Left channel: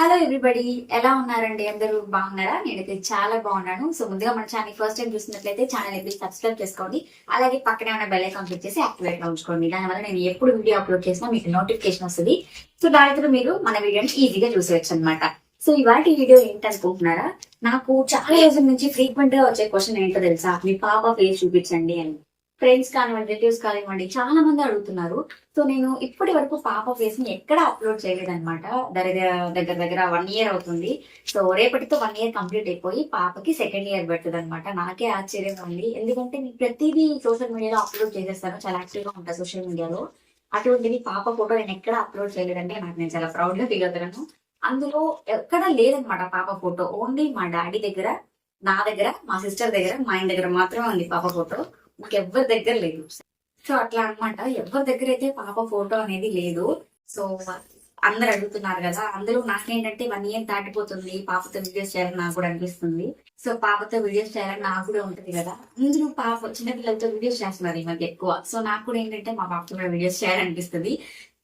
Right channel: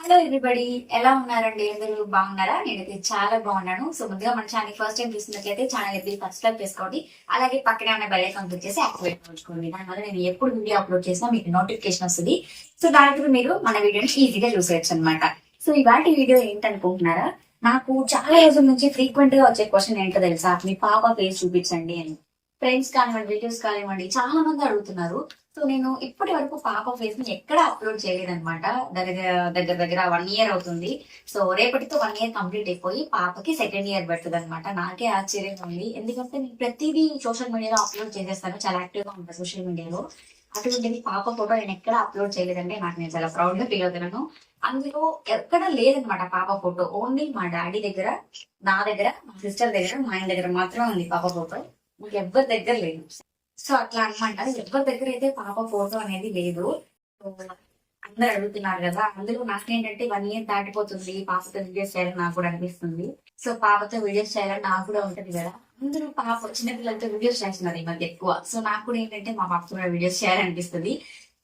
Hello everybody ఎలా ఉన్నారండి? అందరూ బాగున్నారా? నేనైతే చాలా బాగున్నాను. సో ముందుగా మన ఛానల్ ఫస్ట్ టైం చూసినట్లయితే ఛానల్ ప్లీజ్ సబ్స్క్రైబ్ చేసుకోండి. అలాగే పక్కనే ఉన్న బెల్ ఐకాన్ క్లిక్ చేసి యాక్టివేట్లో ఉంచుకోండి. దానివల్ల నేను ఎప్పుడు వీడియో అప్లోడ్ చేసినా మీకు నోటిఫికేషన్ వస్తుంది. సో దానికి మీరు మన వీడియోని ఈజీగా చూసేయచ్చు అనమాట సో ఇవాటి వీడియో ఏంటనుకుంటున్నారా? నాకు చాలా రోజుల నుంచి ఫ్రీక్వెంట్గా వచ్చే క్వశ్చన్ ఏంటో తెలుసా? మీ పాప ఫేస్ చూపించండి అని. ఫ్రెండ్స్ కానివ్వండి రిలేటివ్స్ కానివ్వండి చాలా మంది అడుగుతున్నారు. సో నేను ఇప్పటి వరకు పాప ఫేస్ని ఎక్కడ అప్లోడ్ చేయలేదన్నమాట. దగ్గర దగ్గర దగ్గర వన్ ఇయర్ అవుతుంది. సో రేపటితో వన్ ఇయర్ కంప్లీట్ అయిపోయి పాపకి సెకండ్ ఇయర్ పడుతుంది అనమాట నాకే ఆశ్చర్యంగా ఉంది. ఎందుకంటే నేను ప్రతిదీ సోషల్ మీడియాలో అప్లోడ్ చేసేస్తాను. చాలా యాక్టివ్గా ఉంటాను సోషల్ మీడియాలో అటువంటిది పాప ఫోటో నేను ఎక్కడ అప్లోడ్ చేయలేదంటే నాకు నేను చాలా ప్రౌడ్గా ఫీల్ అవుతున్నాను. అందులో ఎక్కడ లేదనమాట పాప ఫోటో ఓన్లీ మా డాడీ దగ్గర నా దగ్గర మా సిస్టర్ దగ్గర మా ఆయన దగ్గర మాత్రమే ఉంది పాప ఫోటో ఇంకెవ్వరి దగ్గర లేదు. సో అట్లా అనమాట ఎవరి దగ్గర అయితే పాప ఫోటో అనేది లేదు. సో అందరు అడుగుతున్నారు కదా. అందులో నాకేంటంటే వన్ ఇయర్ దాటిపోతుంది. పాపతో వీడియోస్ చేయాలని నాకు కూడా అనిపిస్తుంది. సో పాపతో వీడియోస్ చేయాలని నాకు కూడా ఉంటది కదా. అందరూ పాప చిన్న పిల్లలతో వీడియోస్ చేస్తున్నారు ఈ మధ్య ఎక్కువ. సో నాకు కూడా ఏంటంటే మా పాపతో కూడా వీడియోస్ చేయాలనిపిస్తుంది.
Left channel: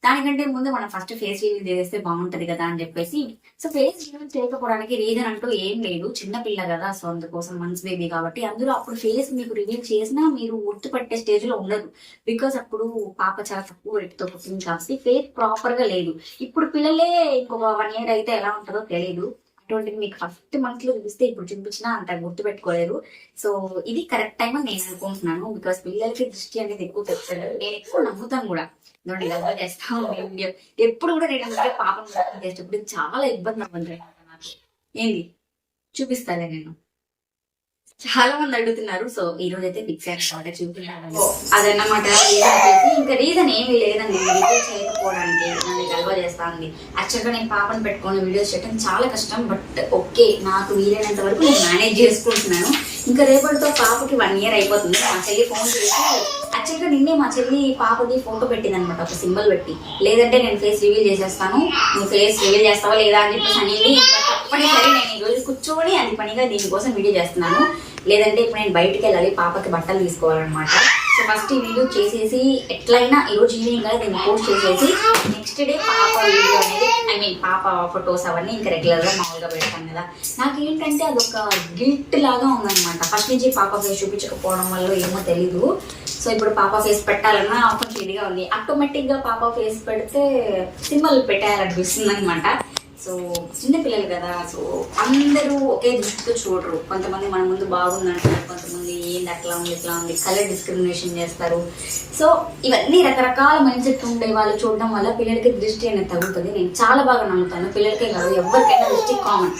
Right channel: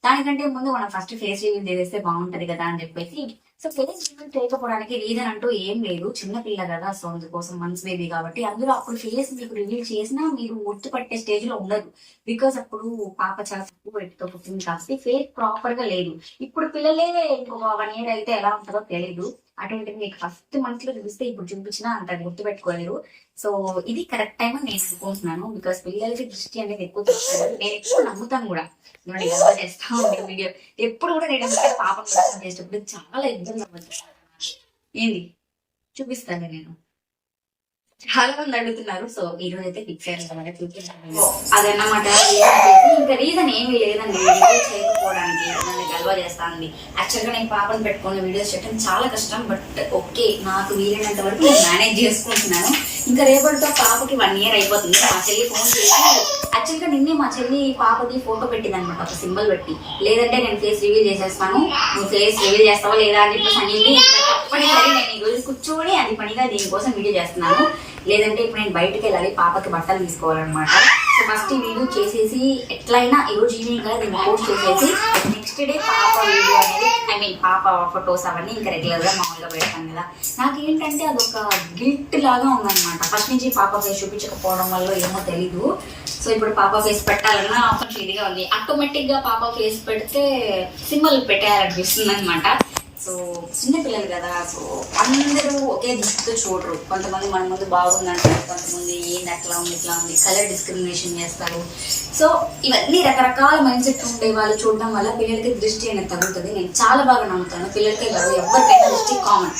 దానికంటే ముందు మనం ఫస్ట్ ఫేస్ రివీల్ చేస్తే బాగుంటది కదా అని చెప్పేసి. సో ఫేస్ రివీల్ చేయకపోవడానికి రీజన్ అంటూ ఏం లేదు. చిన్న పిల్ల కదా సో అందుకోసం మంత్స్ బేబీ కాబట్టి అందులో అప్పుడు ఫేస్ మీకు రివీల్ చేసినా మీరు ఒత్తుపట్టే స్టేజ్లో ఉండదు. బికాస్ అప్పుడు పాప చాలా తక్కువ weight పుట్టింది కాబట్టి ఫేస్ ప్రాపర్గా లేదు. ఇప్పుడు పిల్లలే ఇంకొక వన్ ఇయర్ అయితే ఎలా ఉంటుందో తెలియదు అటువంటిది మీకు ఫస్ట్ మంత్లో చూపిస్తే ఇప్పుడు చూపించినా అంత గుర్తు పెట్టుకోలేరు సో ఇది కరెక్ట్ టైం అని నేను అనుకుంటున్నాను. బికాస్ పిల్లలకి దృష్టి అనేది ఎక్కువ తెలుస్తుంది నేను ఎక్కువ నమ్ముతాను కూడా. నోటి ఎలా చేస్తా ఉండే వీడియో ఎప్పుడు కూడా నేను అంటే పాపం చేసేటప్పుడు చాలా ఇబ్బంది అవ్వదు నాకు ఏంది? చూపిస్తాలే నేను. చాలా మంది అడుగుతున్నారు. సో ఈ రోజు అయితే ఫిక్స్ అయ్యాను చూపించాను అదన్నమాట. ఇంకా రీజన్ ఏమీ లేదండి. వీడియో చేయకపోవడానికి నన్ను గల్వ చేస్తాంది యాక్చువల్గా నేను పాపను పెట్టుకొని వీడియోస్ చేయడం చాలా కష్టం బట్ ఓకే నాకు వీలైనంత వరకు నేను మేనేజ్ చేసుకుంటున్నాను. ఇంకా రేపటితో పాపకి వన్ ఇయర్ అయిపోతుంది. మా చెల్లి ఫోన్ చేసి యాక్చువల్గా నిన్నే మా చెల్లి పాపది ఫోటో పెట్టింది అనమాట ఒక సింబల్ పెట్టి. లేదంటే నేను ఫేస్ రివీల్ చేసేస్తాను. నువ్వు ఫేస్ రివీల్ చేస్తావా లేదా అని చెప్పేసి అనింది. ఇంకా తప్పనిసరి నేను ఈ రోజు కూర్చొని అది పనిగా దీనికోసం వీడియో చేస్తున్నాను. లేదంటే ఇప్పుడు నేను బయటకు వెళ్ళాలి పాపకి బట్టలు తీసుకోవాలన్నమాట. సో ఫస్ట్ ఈ వీడియో చేసేసి ఎట్లయినా ఈ రోజు ఈవినింగ్ కదా దీన్ని పోస్ట్ చేసేసి నెక్స్ట్ డే పాప వీడియో అనేది ఐ మీన్ పాప ఫొటోస్ అవన్నీ ఇంకా రెగ్యులర్గా మామూలుగా పెడతాను కదా. నాకు ఏంటంటే అదొక గిల్ట్ లాగా ఉందన్నమాట. ఫస్ట్ నుంచి పాప ఫేస్ చూపించకపోవడం వల్ల ఏమో తెలీదు. సో ఇప్పుడు పాప ఫేస్ పెట్టాలన్నా ఆఫర్ ఇదిగా ఉంది. ఆటోమేటిక్గా పాప ఫేస్ పెడితే సింబల్ పెట్టేయాలనిపిస్తుంది అనమాట సో చిన్న పిల్లలు కదా సో అందరూ ఒకే దృష్టితో చూడరు. కొంతమంది మన ముందు బాగుందంటారు కొంతమంది ఏంది అట్లా ఉంది ఇట్లా ఉంది కలర్ డిస్క్రిమినేషన్ చేస్తారు. సో ఇవన్నీ రకరకాల మైండ్ సెట్ ఉండే వాళ్ళు చూడడం వల్ల పిల్లలకి దృష్టి అనేది తగ్గుతుంది నేను చాలా బాగా నమ్ముతాను పిల్లలకే కాదు ఎవరికైనా దృష్టి కామన్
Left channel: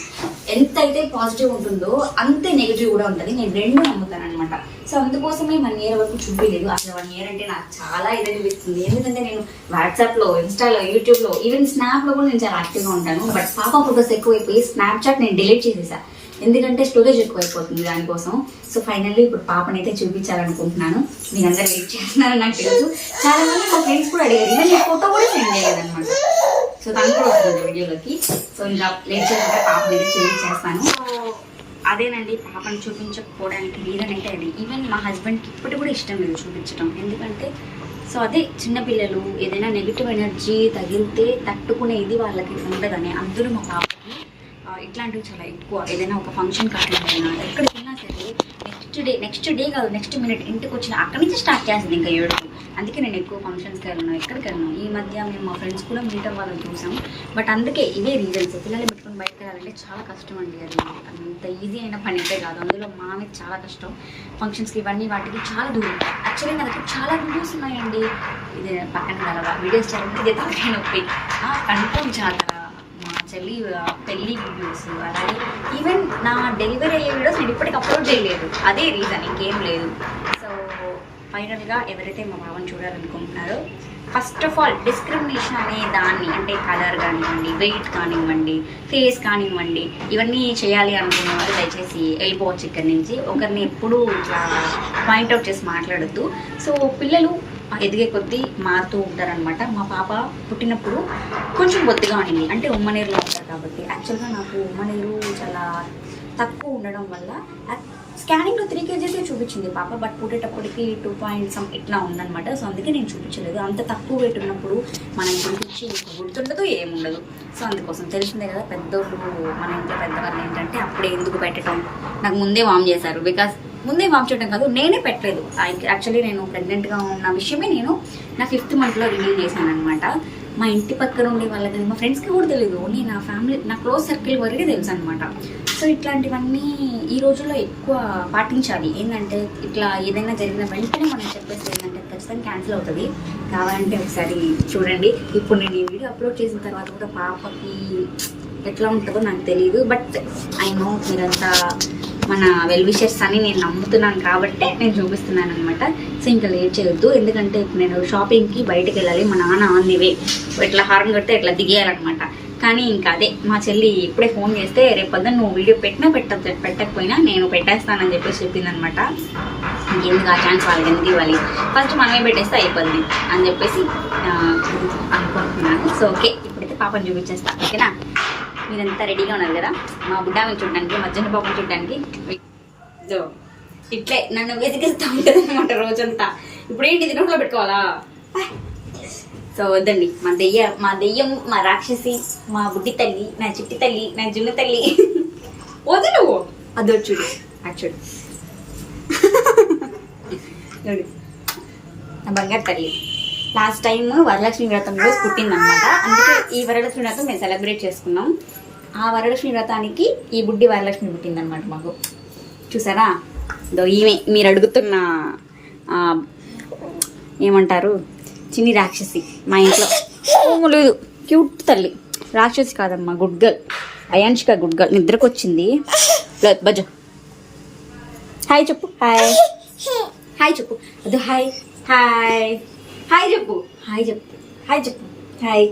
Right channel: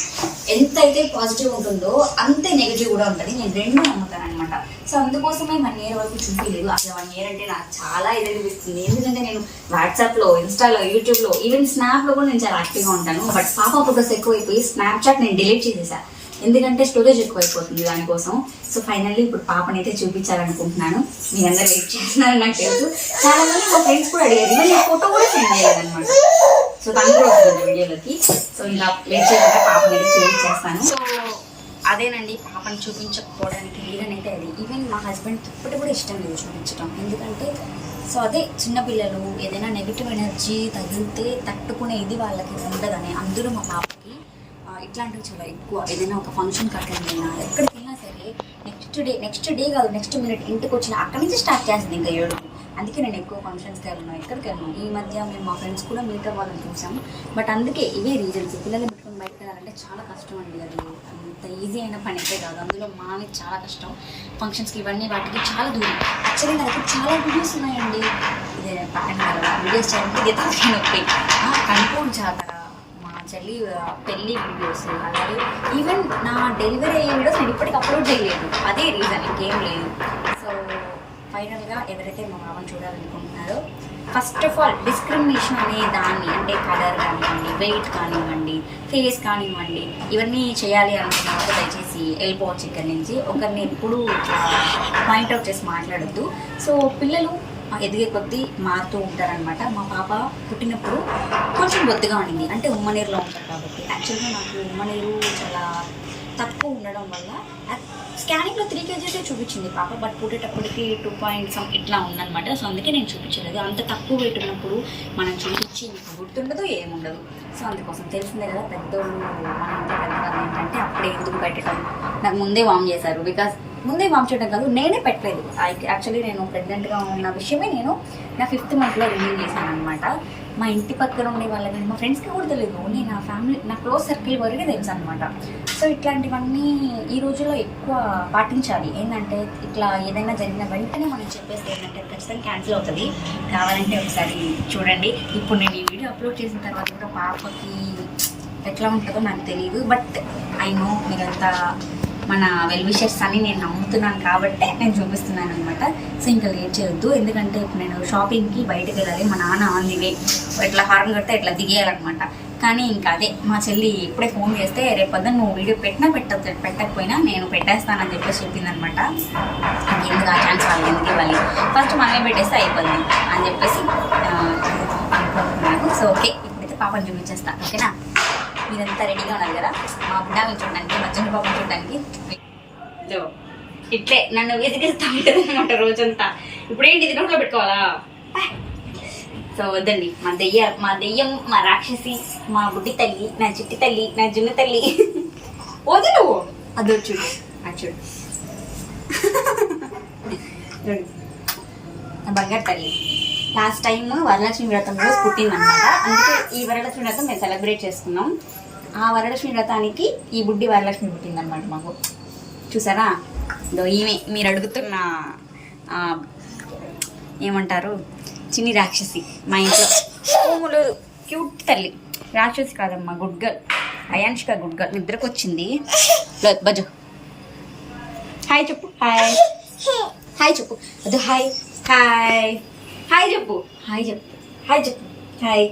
ఎంత అయితే పాజిటివ్ ఉంటుందో అంతే నెగిటివ్ కూడా ఉంటుంది. నేను రెండు నమ్ముతాను అనమాట సో అందుకోసమే వన్ ఇయర్ వరకు చూపించలేదు అసలు వన్ ఇయర్ అంటే నాకు చాలా ఇది అనిపిస్తుంది. ఎందుకంటే నేను వాట్సాప్లో ఇన్స్టాలో యూట్యూబ్లో ఈవెన్ స్నాప్లో కూడా నేను చాలా యాక్టివ్గా ఉంటాను. బట్ పాప ఫోటోస్ ఎక్కువైపోయి స్నాప్చాట్ నేను డిలీట్ చేసేసా. ఎందుకంటే స్టోరేజ్ ఎక్కువైపోతుంది దానికోసం. సో ఫైనల్లీ ఇప్పుడు పాపనైతే చూపించాలనుకుంటున్నాను. చూపించాలనుకుంటున్నాను మీరందరూ వెయిట్ చేస్తున్నారని నాకు తెలుసు. చాలా మంది మా ఫ్రెండ్స్ కూడా అడిగారు. ఇవన్నీ ఫోటో కూడా సెండ్ చేయలేదన్నమాట. సో తను కూడా వస్తుంది వీడియోలోకి. సో ఇంకా లేట్ చేయకుండా పాపనైతే చూపించేస్తాను. సో అదేనండి పాపని చూపించకపోవడానికి రీజన్ అంటే అది? ఈవెన్ మా హస్బెండ్కి ఇప్పటి కూడా ఇష్టం లేదు చూపించడం ఎందుకంటే సో అదే చిన్నపిల్లలు ఏదైనా నెగిటివ్ ఎనర్జీ తగిలితే తట్టుకునే ఇది వాళ్ళకి ఉండదని. అందులో మా పాపకి ఇట్లాంటివి చాలా ఎక్కువ. ఏదైనా ఒక ఫంక్షన్ అటెండ్ అయినా ఎక్కడికి వెళ్ళినా సరే నెక్స్ట్ డే నెక్స్ట్ డే కాదు నెక్స్ట్ మినిట్ ఇంటికి వచ్చిన అక్కడి నుంచి స్టార్ట్ చేస్తుంది ఇంకా ఏడుపు. అందుకే నేను ఎక్కువ ఫంక్షన్స్కి వెళ్ళను ఎక్కడికి వెళ్ళను. ఈ మధ్య మేము మా ఫ్రెండ్స్ కూడా మీట్ అవ్వాలని చూసాం. బట్ అందుకే ఇవే రీజన్స్ పిల్లలు పెట్టుకొని చాలా కష్టం అండి అది. అంత ఈజీ అయిన పని అయితే కాదు. అందులో మావి చాలా కష్టం. ఫంక్షన్స్కి ఇవన్నీ వాటికి చాలా దూరం. యాక్చువల్లీ నా దగ్గర చాలా వీడియోస్ ఉన్నాయండి. ఇది పక్కన కలవా. వీడియోస్ చేయడానికి ఇది నొప్పి కన్ఫర్మ్ జాతర మా చెల్లి పెళ్ళి వీడియోస్ అలాగే ఈవెన్ నా డెలివరీ అయ్యే వీడియోస్ నేను ఇప్పటికి అప్లోడ్ చేయలేదు. అదే రీజన్ ఇంకేం లేదు. ఫైనల్గా ఎవరైతే మా మామని చూడాలనుకుంటున్నారో ఫస్ట్ ఆఫ్ ఆల్ డిస్క్రిమినేషన్ అనే దాన్ని అంటే కలర్ కానివ్వండి వెయిట్ కానివ్వండి ఫేస్ కానివ్వండి ఇవన్నీ చేయాలి అనుకున్న వాళ్ళు దయచేసి వెళ్ళిపోవచ్చు ఇక్కడి నుంచి ఒకరిని ఎప్పుడూ ఇట్లా పాయింట్అవుట్ చేసి మాట్లాడద్దు. సో పిల్లలు ఎదిగే కొద్దీ మారుతూ ఉంటారనమాట మా పాప పుట్టినప్పుడు కొంచెం బొద్దుగా ఉండింది. అంటే ఉమ్మనీరులో ఉంటారు కాబట్టి. యాక్చువల్గా నాకు ఉమ్మనీరు చాలా తక్కువ ఉండడం వల్ల స్కానింగ్లో త్రీ కేజీసే చూపించింది పాప బట్ పుట్టేటప్పటికి టూ పాయింట్ సమ్ ఇట్లా ఉందన్నమాట. సో అందుకే నేను చూపించలేదు. అంత తక్కువ వెయిట్ ఉన్నప్పుడు మనం గురించి గుర్తుండదు ఏముండదు. సో అందుకోసం తెలిసిందే కదా పెద్దోళ్ళు మన ఇంట్లో పెద్దవాళ్ళు ఏంటంటే అప్పుడే ఎందుకు పెట్టడం నాకు ముందే వామ్ చేశారు. బికాస్ ముందే వామ్ చేయడం కాదు నేనే పెట్టలేదు. యాక్చువల్లీ నేను ప్రెగ్నెంట్గా ఉన్న విషయమే నేను నా ఫిఫ్త్ మంత్లో రిలీవ్ చేశాను అనమాట మా ఇంటి పక్కన ఉండే వాళ్ళకి మా ఫ్రెండ్స్కి కూడా తెలియదు ఓన్లీ నా ఫ్యామిలీ నా క్లోజ్ సర్కిల్ వరకే తెలుసు అనమాట సో ఇట్లాంటివన్నీ ఈ రోజుల్లో ఎక్కువ పాటించాలి. ఏంటంటే ఇట్లా ఏదైనా జరిగిన వెంటనే మనం చెప్పేసి ఏంటంటే ఖచ్చితంగా క్యాన్సిల్ అవుతుంది. కావాలంటే ఒకసారి చూడండి. ఇప్పుడు నేను ఈ వీడియో అప్లోడ్ చేసిన తర్వాత కూడా పాపకి ఎట్లా ఉంటుందో నాకు తెలియదు బట్ ఐ నో మీరంతా మన వెల్ విషర్స్ అని నేను నమ్ముతున్నాను కాబట్టి నేను చూపిస్తున్నాను అనమాట సో ఇంకా లేట్ చేయొద్దు. ఎందుకంటే ఇప్పుడు నేను షాపింగ్కి బయటకు వెళ్ళాలి. మా నాన్న ఆన్ ది వే ఇట్లా హార్న్ కొడితే ఇట్లా దిగేయాలన్నమాట. కానీ ఇంకా అదే మా చెల్లి ఇప్పుడే ఫోన్ చేస్తే రేపు పొద్దున్న నువ్వు వీడియో పెట్టినా పెట్ట పెట్టకపోయినా నేను పెట్టేస్తానని చెప్పేసి చెప్పింది అనమాట ఇంకెందుకు ఆ ఛాన్స్ వాళ్ళకి ఎందుకు ఇవ్వాలి? ఫస్ట్ మనమే పెట్టేస్తే అయిపోద్ది అని చెప్పేసి అనుకుంటున్నాను. సో ఓకే ఇప్పుడైతే పాపని చూపించేస్తాను ఓకేనా? మీరంతా రెడీగా ఉన్నారు కదా? మా బుడ్డామని చూడడానికి మధ్యాహ్న పాపని చూడడానికి. ఇదో, ఇట్లే నన్ను వెతికిస్తా ఉంటుంది అనమాట రోజంతా. ఇప్పుడు ఏంటి ఇది నోట్లో పెట్టుకోవాలా? సో వద్దండి మా దెయ్య మా దెయ్యం మా రాక్షసి మా బుడ్డి తల్లి నా చిట్టి తల్లి నా జున్ను తల్లి. వద్దు నువ్వు. అదో చూడు చూడు. నా బంగారు తల్లి. లాస్ట్ టైం వరలక్ష్మి వ్రతం రోజు పుట్టిందనమాట అందుకే ఈ వరలక్ష్మి వ్రతం మేము సెలబ్రేట్ చేసుకున్నాం. ఆ వరలక్ష్మి వ్రతానికి ఈ బుడ్డి వరలక్ష్మి పుట్టిందనమాట మాకు. చూసారా? ఇదో ఈమె మీరు అడుగుతున్న ఏమంటారు? చిన్ని రాక్షసి మా ఇంట్లో. లేదు. క్యూట్ తల్లి. రాక్షసి కాదమ్మా good girl. Ayanshika good girl. నిద్రకు వచ్చింది బజ హాయ్ చెప్పు. హాయ్. హాయ్ చెప్పు. అది హాయ్. హాయ్. హాయ్ చెప్పు. హాయ్ చెప్పు. హాయ్ చెప్పు. హాయ్.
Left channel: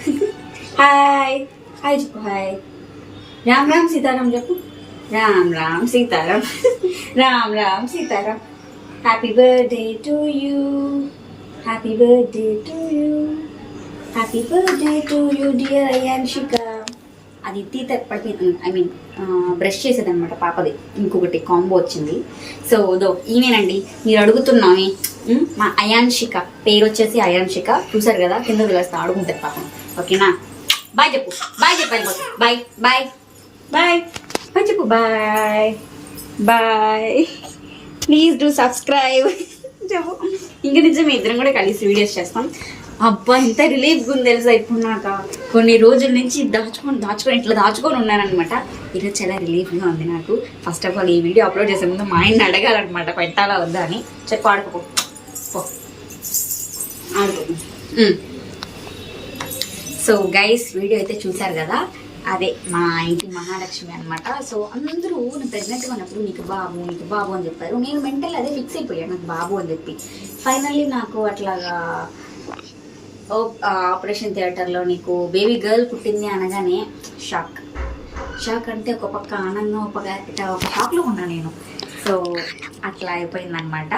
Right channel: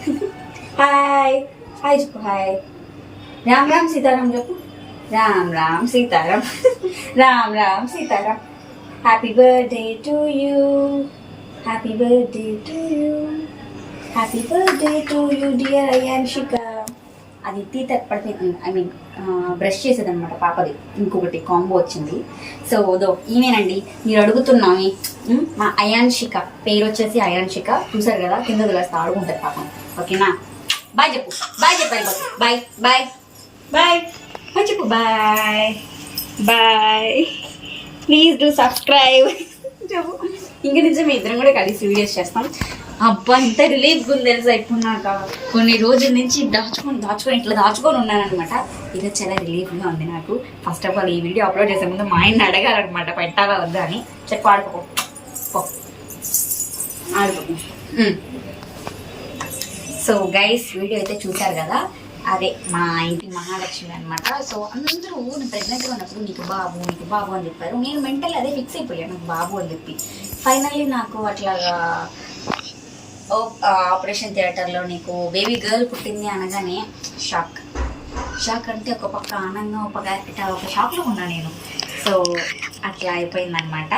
హాయ్. హాయ్ చెప్పు హాయ్. రామ్ రామ్ సీతారాం చెప్పు. Ram Ram Sitaram. Ram Ram Sitaram. Happy birthday to you happy birthday to you happy birthday to you dear Ayanshika అది తీత పడిపోయింది. ఐ మీన్ బ్రష్ చేసేది అనమాట పాపది. ఇంకొకటి కాంబో వచ్చింది. సో దో ఈమెనండి మీరు అడుగుతున్నామే మా అయాన్షిక పేరు వచ్చేసి అయాన్షిక చూసారు కదా? కింద వేస్తా ఆడుకుంటుంది పాపం. ఓకేనా బాయ్ చెప్పు బాయ్ చెప్పు బాయ్ బాయ్ బాయ్ బాయ్ చెప్పు bye bye please do subscribe చెప్పు ఇంక నిజమే ఇద్దరం కూడా కలిసి వీడియోస్ చేస్తాం. అబ్బా ఇంత రిలీఫ్గా ఉంది తెలుసా ఇప్పుడు నాకు. కొన్ని రోజుల నుంచి దాచుకొని దాచుకొని ఇట్లా దాచుకొని ఉన్నానమాట ఈరోజు చాలా రిలీఫ్గా ఉంది నాకు. ఫస్ట్ ఆఫ్ ఆల్ ఈ వీడియో అప్లోడ్ చేసే ముందు మా ఆయన్ని అడగాలన్నమాట పెట్టాలా వద్దా అని. చెప్పు ఆడుకోపో ఆడుకో. సో గైస్ వీడియో అయితే చూశారు కదా? అదే మా ఇంటి మహాలక్ష్మి అనమాట సో అందరూ నేను ప్రెగ్నెంట్గా ఉన్నప్పుడు నీకు బాబు నీకు బాబు అని చెప్పారు. నేను మెంటల్ అదే ఫిక్స్ అయిపోయాను నాకు బాబు అని చెప్పి. ఫైనల్లీ నాకు అట్లాగా ఆపరేషన్ థియేటర్లో నీకు బేబీ గర్ల్ పుట్టింది అనగానే షాక్ షాక్ అంటే ఒక పక్క ఆనందం ఒక పక్క ఇట్లా ఒక షాక్లో ఉన్నా నేను. సో అట్లా అయిపోయిందనమాట